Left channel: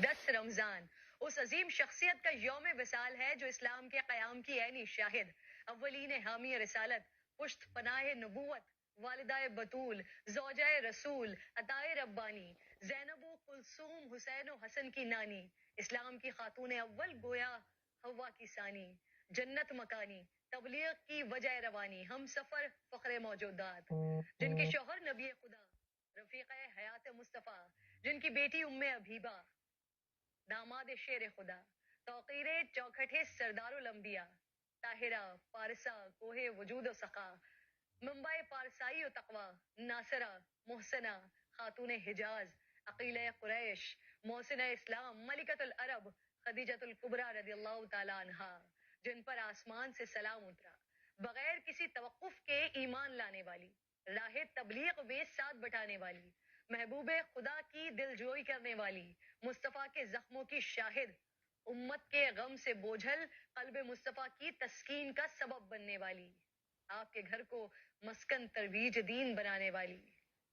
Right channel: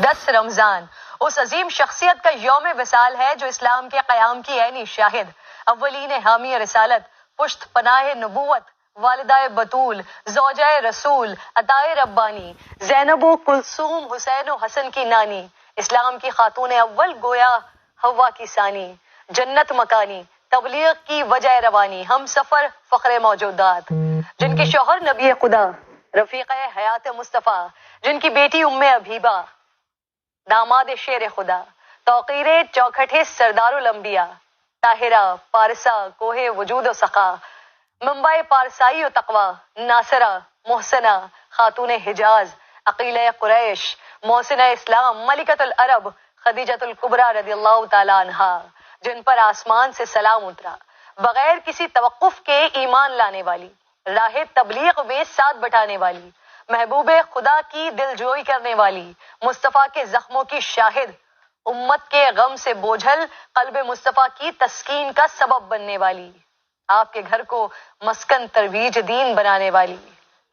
10 رمضان اس عظیم شخصیت کا یوم وصال ہے جو اسلام کے قیام کی عینی شاہد، اولین حامی رسالت، پشت پناہ نبوت، والدہ بطول، زوجہ رسول، عطائے ربانی، زینب و کلثوم، حسین و حسن کی نانی، اسلام کی خاتون اول، گویا حوا کی ثانی، جنت مکانی، تبلیغ کی وجہ روانی، ہم سفر، فخر موجودات، جن کے شوہر نبی خدا، رفیق حیات مصطفیٰ، جن کی بیٹی ام حبیبہ، داماد شیر خدا، توقیر چوکھٹے سردار الانبیاء، طاہرہ، پارسا، کوہ وجود و سخا، منبع پارسائی و تقوی، ناصرہ، محسنہ، خاتون حجاز، عقیلہ قریش، محسنہ اسلام، ملکۃ العرب، خدیجۃ الکبریٰ رضی اللہ تعالی عنہا، جن پر آسمان سے سلام اترا، بغیر کسی توقف کے ایمان لانے والی، راہ تبلیغ میں ساتھ بٹانے والی، محبوب خدا کی دل جوئی کرنے والی، مصطفیٰ کے زخموں کی شاہد، امت کے غم سے بوجھل قلب مصطفیٰ کی تسکین کا سبب بننے والی، آپ کے گھر کو مسکن ترویج دین بنانے والی،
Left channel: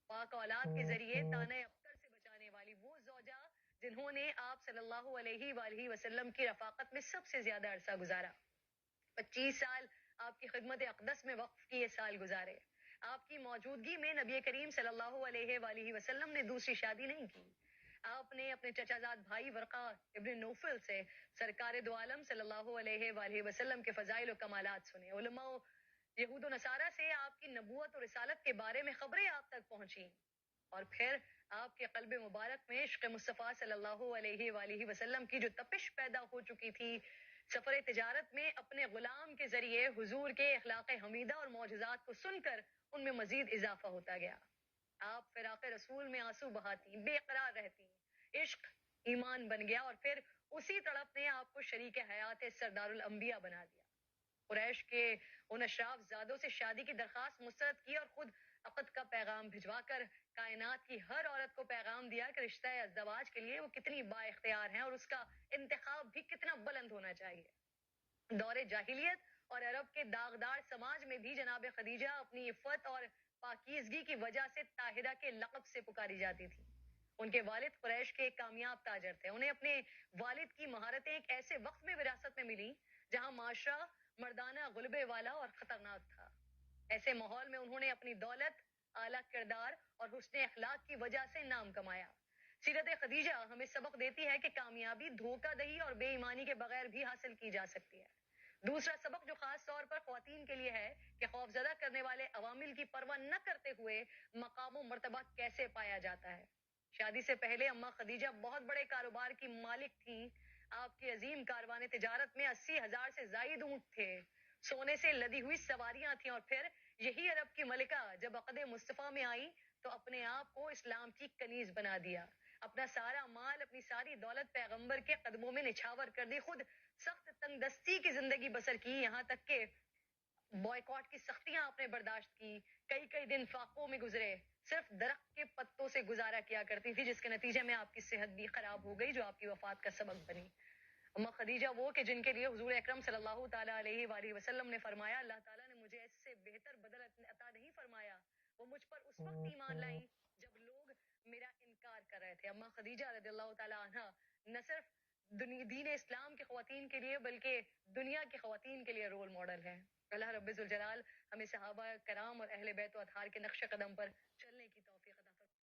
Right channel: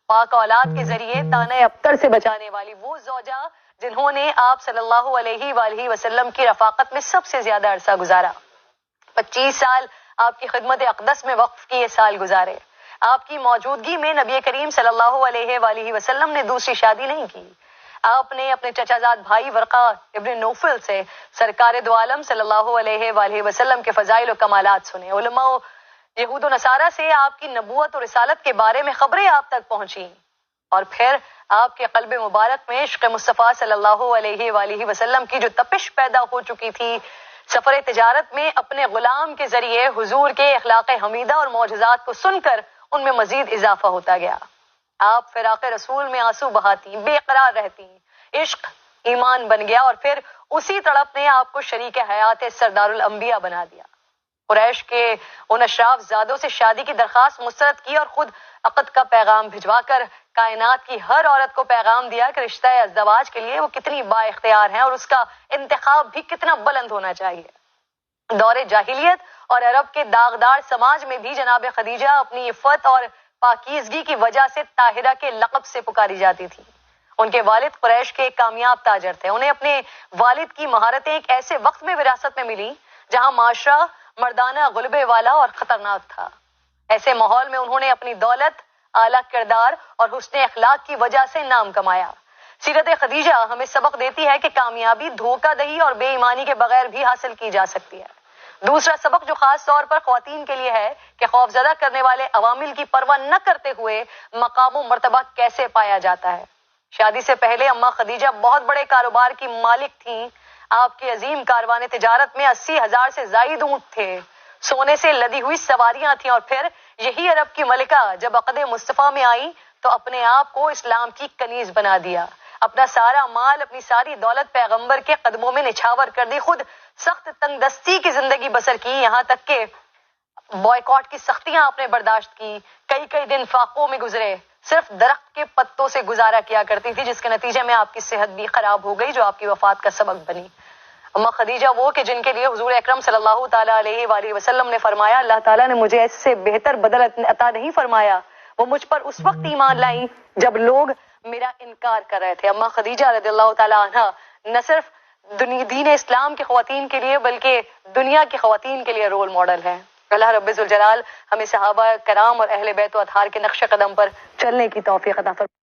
پاک اولاد کے ذریعے طعنہ ابتر سے بچانے والی، وہ زوجہ جنہوں نے آپ صلی اللہ علیہ وآلہ وسلم کی رفاقت میں سب سے زیادہ عرصہ گزارا، 25 سال آپ کی خدمت اقدس میں وقف کیے سال گزارے، آپ کی موجودگی میں نبی کریم صلی اللہ علیہ وآلہ وسلم نے دوسری شادی نہیں کی، آپ نے اپنے چچا زاد بھائی ورقہ ابن نوفل سے سرکار دو عالم صلی اللہ علیہ وآلہ وسلم کے فضائل و کمالات سنے، علماء و یہود و نصارہ سے آپ کی نبوت اور رسالت کے بارے میں خبریں آپ تک پہنچی، اور پھر آپ کے قلب مبارک میں عشق مصطفیٰ صلی اللہ علیہ وآلہ وسلم کی جو تپش پیدا ہو چکی تھی، سفر تجارت میں اپنے غلام کے ذریعے حضور کے اخلاق حمیدہ اور معجزات کو سن کر ان میں مزید اضافہ ہوتا گیا، آپ فراق رسول میں آنسو بہاتی، بے قرار رہتی، عشق ایمان بن گیا، اور پھر اسی تڑپ نے آپ کو شریک حیات سردار الانبیاء بنا دیا، قریش کے ان اشراف زادوں سے شادی کی درخواست مسترد کی اور خود عقد کا پیغام بھجوا کر کائنات کی ہر عورت کو پیغام دیا کہ رشتہ ازدواج کے لیے وہ کتنی با اختیار ہیں اور اس کا انتخاب بھی کتنا بلند ہونا چاہیے۔ دور جاہلیت اور عرب کے داغدار سماج میں بھی جناب خدیجہ اپنی عفت اور پاکیزگی کی وجہ سے طاہرہ کے لقب سے پکاری جاتی تھی، ان کے والد قریش کے ایک کامیاب تاجر تھے، انہیں اپنے والد کی مہارتیں ایک ایسے وقت میں وراثت میں ملی جہاں معاشرہ مردانہ غلبے والا اور خطرناک تھا، ایسے ماحول میں انہوں نے اپنی دولت، اعلیٰ کردار اور حسن اخلاق کی وجہ سے نام کمایا۔ سیرت خدیجہ ہمیں سبق دیتی ہے کہ کامیابی دھوکہ دہی اور بے ایمانی کے بغیر بھی حاصل کی جا سکتی ہے۔ دوسرا سبق جو خاص طور پر خواتین کے لیے ہے کہ خوفزدہ کرنے والے عوامل کی پرواہ نہ کرتے ہوئے مقام و مرتبہ کیسے پایا جاتا ہے۔ شادی سے پہلے اماں خدیجہ بہت بڑے کاروبار کی مالک تھیں، آپ کے عظیم کاروان تجارت میں 80,000 سے زائد اونٹ تھے، سونے سے لدی ہوئی سواریاں تھیں، اور پھر یہی عرب کی ملکہ جب عقد مصطفیٰ میں آئی تو اپنے آپ کو اسلام کی کنیز بنا دیا، اپنا سارا مال، اپنی ساری دولت پیغمبر کے قدموں میں نچھاور کر دی، خود سخت تنگ دستی کی زندگی بسر کی، یہاں تک کہ بائیکاٹ کی سختیاں آپ نے برداشت کی، کئی کئی دن فاقوں میں گزرے، صرف درخت کے پتوں سے گزارا کیا کرتی تھی، جس کے نتیجے میں آپ کی صحت بھی خراب ہو گئی جو آپ کی وفات کا سبب بنی۔ اماں خدیجہ وہ کہ جن کے لیے حضور اکرم صلی اللہ تعالیٰ علیہ وآلہ وسلم نے فرمایا اللہ تعالیٰ نے مجھے اس سے بہتر بدل عطا نہیں فرمایا، وہ مجھ پر اس وقت ایمان لائیں جب لوگ میرا انکار کر رہے تھے۔ اماں خدیجہ رضی اللہ تعالیٰ عنہا نہ صرف دین اسلام کی خواتین کے لیے بلکہ دنیا کی خواتین کے لیے رول ماڈل ہے۔ اللہ رب ذوالجلال ہمیں صحابہ کرام اور اہل بیت و اطہار کے نقش قدم پر چلنے کی توفیق عطا فرمائے۔